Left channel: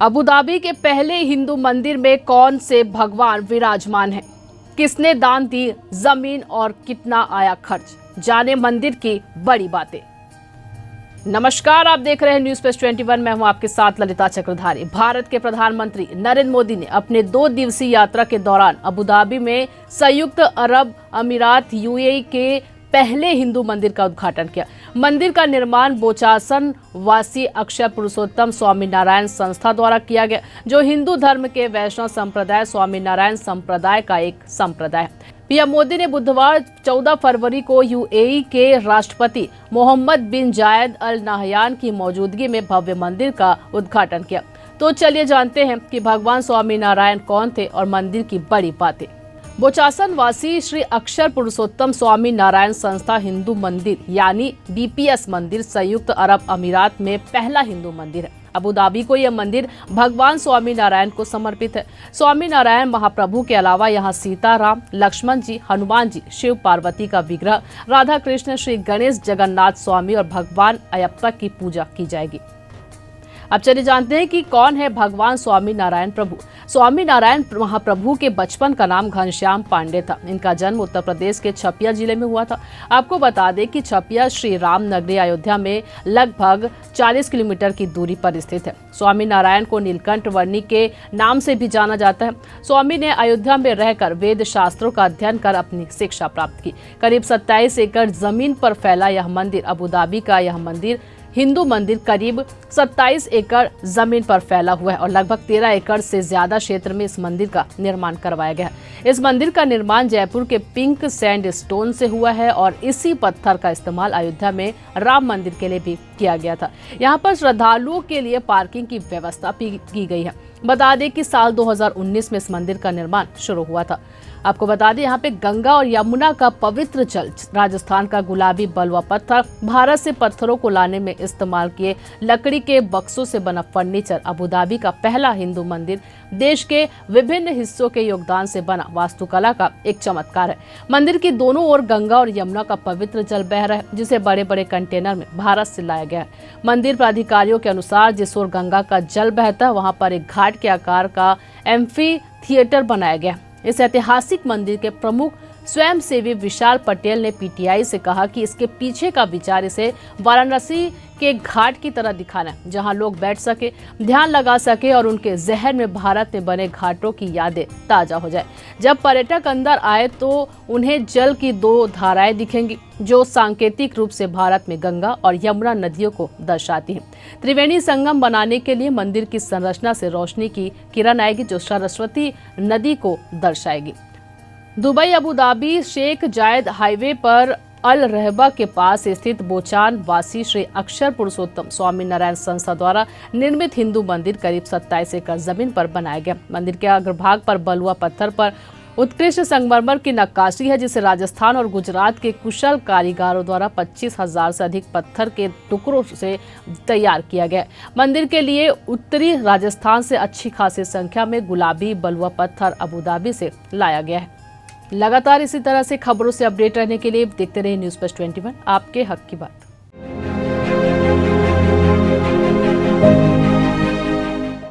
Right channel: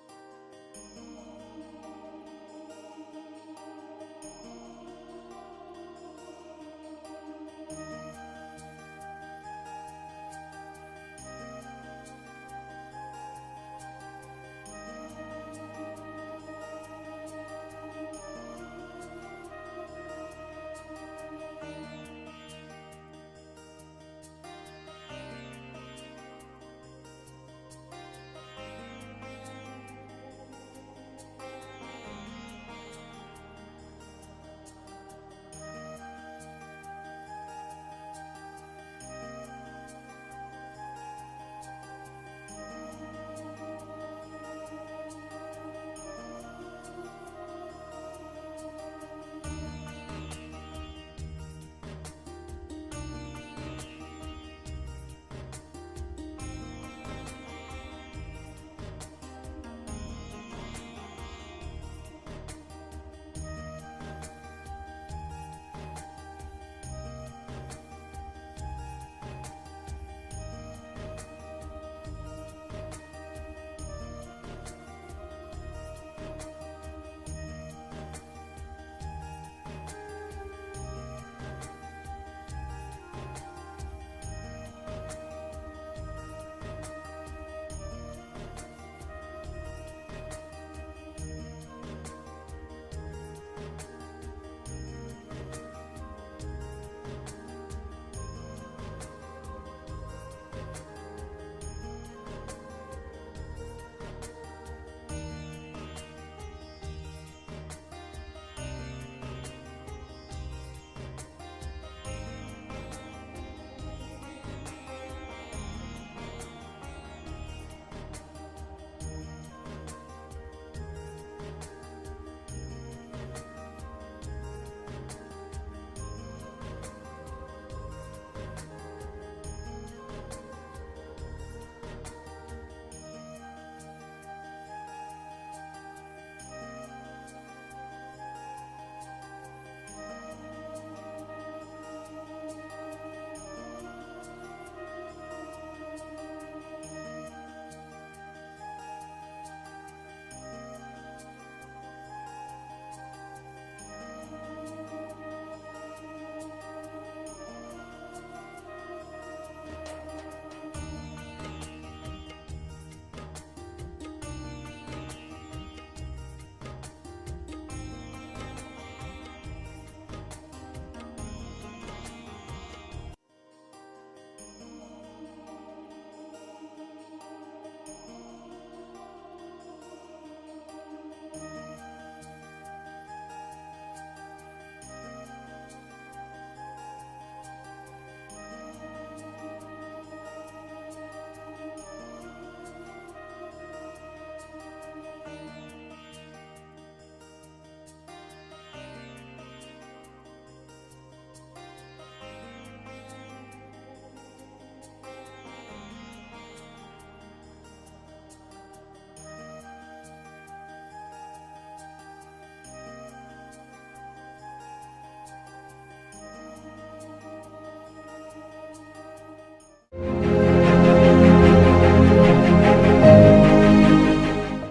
Abu Dhabi के पहले हिंदू मंदिर में कौन से भगवान विराजमान हैं? किसने दान दी जमीन और कितना आया खर्च? जाने मंदिर की बड़ी बातें। नमस्कार, आप देख रहे हैं न्यूज़ प्लस 21। मैं हूं आपके साथ ललिता चक्रधारी। भारत के प्रधानमंत्री नरेंद्र मोदी ने अपने 2 दिवसीय यात्रा के दौरान अबू धाबी में संयुक्त अरब अमीरात यूएई के पहले हिंदू मंदिर का उद्घाटन किया। मंदिर का निर्माण बोचासन वासी अक्षर पुरुषोत्तम स्वामी नारायण संस्था द्वारा किया गया, जो हिंदू धर्म के वैष्णव संप्रदाय स्वामी नारायण संप्रदाय का एक संप्रदाय है। पीएम मोदी ने बुधवार 14 फरवरी को यूएई के राष्ट्रपति मोहम्मद बिन जायद अल नाहयान की मौजूदगी में भव्य मंदिर का उद्घाटन किया। तो चलिए जानते हैं कि भगवान स्वामी नारायण कौन थे और मंदिर की बड़ी बातें। बोचासन वासी श्री अक्षर पुरुषोत्तम स्वामी नारायण संस्था हिंदू मंदिर यानी बीपीएस मंदिर संयुक्त अरब अमीरात में पहला हिंदू मंदिर है। अबू धाबी को यह मंदिर भगवान स्वामी नारायण को समर्पित है। स्वामी नारायण महाप्रभु के अलावा यहाँ सीता राम, लक्ष्मण जी, हनुमान जी, शिव पार्वती का विग्रह, राधा कृष्ण, श्री गणेश, जगन्नाथ स्वामी और भगवान अयप्पा की पूजा की जाएगी। अब चलिए जानते हैं कि कौन है भगवान स्वामी नारायण प्रभु। स्वामी नारायण महाप्रभु के बचपन का नाम घनश्याम पांडे था। इनका जन्म उत्तर प्रदेश के छपिया जिले में हुआ था। आपको बता दें कि छपिया श्री राम नगरी अयोध्या में लगभग 40 किलोमीटर की दूरी पर स्थित है। स्वामी नारायण को नीलकंठ वर्णी के नाम से भी जाना जाता है। स्वामी ने अयोध्या में रहकर वेद शास्त्रों का अध्ययन कर अपनी शिक्षा प्राप्त की। करीब 27 एकड़ जमीन पर फैला यह मंदिर, अबू धाबी का यह मंदिर हिंदू मंदिर करीब 27 एकड़ जमीन पर फैला हुआ है और लगभग 13 एकड़ से ज्यादा क्षेत्र में इस मंदिर का निर्माण करवाया गया है। इस मंदिर का निर्माण जयपुर के पिंक सैंड स्टोन से हुआ है और इसी पत्थर का इस्तेमाल अयोध्या में राम मंदिर के लिए भी किया गया था। यहाँ पर श्रद्धालुओं के लिए पार्किंग की व्यवस्था भी की गई है। बता दें कि साल 2019 में इस मंदिर का निर्माण शुरू हुआ था। आपको बता दें यहाँ पे गंगा और यमुना का पवित्र जल, राजस्थान का गुलाबी बलुआ पत्थर, भारत से पत्थरों को लाने में इस्तेमाल किए लकड़ी के बक्सों से बना फर्नीचर, अबू धाबी का पहला हिंदू मंदिर, देश के विभिन्न हिस्सों के योगदान से बना वास्तुकला का एक चमत्कार है। मंदिर की दोनों ओर गंगा और यमुना का पवित्र जल बह रहा है, जिसे बड़े बड़े कंटेनर में भारत से लाया गया है। मंदिर प्राधिकारियों के अनुसार जिस ओर गंगा का जल बहता है वहां पर एक घाट के आकार का एम्फी थिएटर बनाया गया। इस ऐतिहासिक मंदिर के प्रमुख स्वयंसेवी विशाल पटेल ने पीटीआई से कहा कि इसके पीछे का विचार इसे वाराणसी के घाट की तरह दिखाना है, जहां लोग बैठ सके, ध्यान लगा सके और उनके जहन में भारत में बने घाटों की यादें ताजा हो जाए। जब पर्यटक अंदर आए तो उन्हें जल की 2 धाराएं दिखेंगी, जो सांकेतिक रूप से भारत में गंगा और यमुना नदियों को दर्शाती हैं। त्रिवेणी संगम बनाने के लिए मंदिर की संरचना से रोशनी की किरण आएगी, जो सरस्वती नदी को दर्शाएगी। दुबई अबू धाबी शेख जायद हाईवे पर अल रहबा के पास स्थित बोचान वासी श्री अक्षर पुरुषोत्तम स्वामी नारायण संस्था द्वारा निर्मित हिंदू मंदिर करीब 27 एकड़ जमीन पर बनाया गया। मंदिर के अग्रभाग पर बलुआ पत्थर पर उत्कृष्ट संगमरमर की नक्काशी है, जिसे राजस्थान और गुजरात के कुशल कारीगरों द्वारा 25,000 से अधिक पत्थर के टुकड़ों से तैयार किया गया। मंदिर के लिए उत्तरी राजस्थान से अच्छी खासी संख्या में गुलाबी बलुआ पत्थर अबू धाबी से लाया गया है। लगातार इसी तरह से खबरों से अपडेट रहने के लिए देखते रहिए न्यूज़ प्लस 21, आपके हक की बात।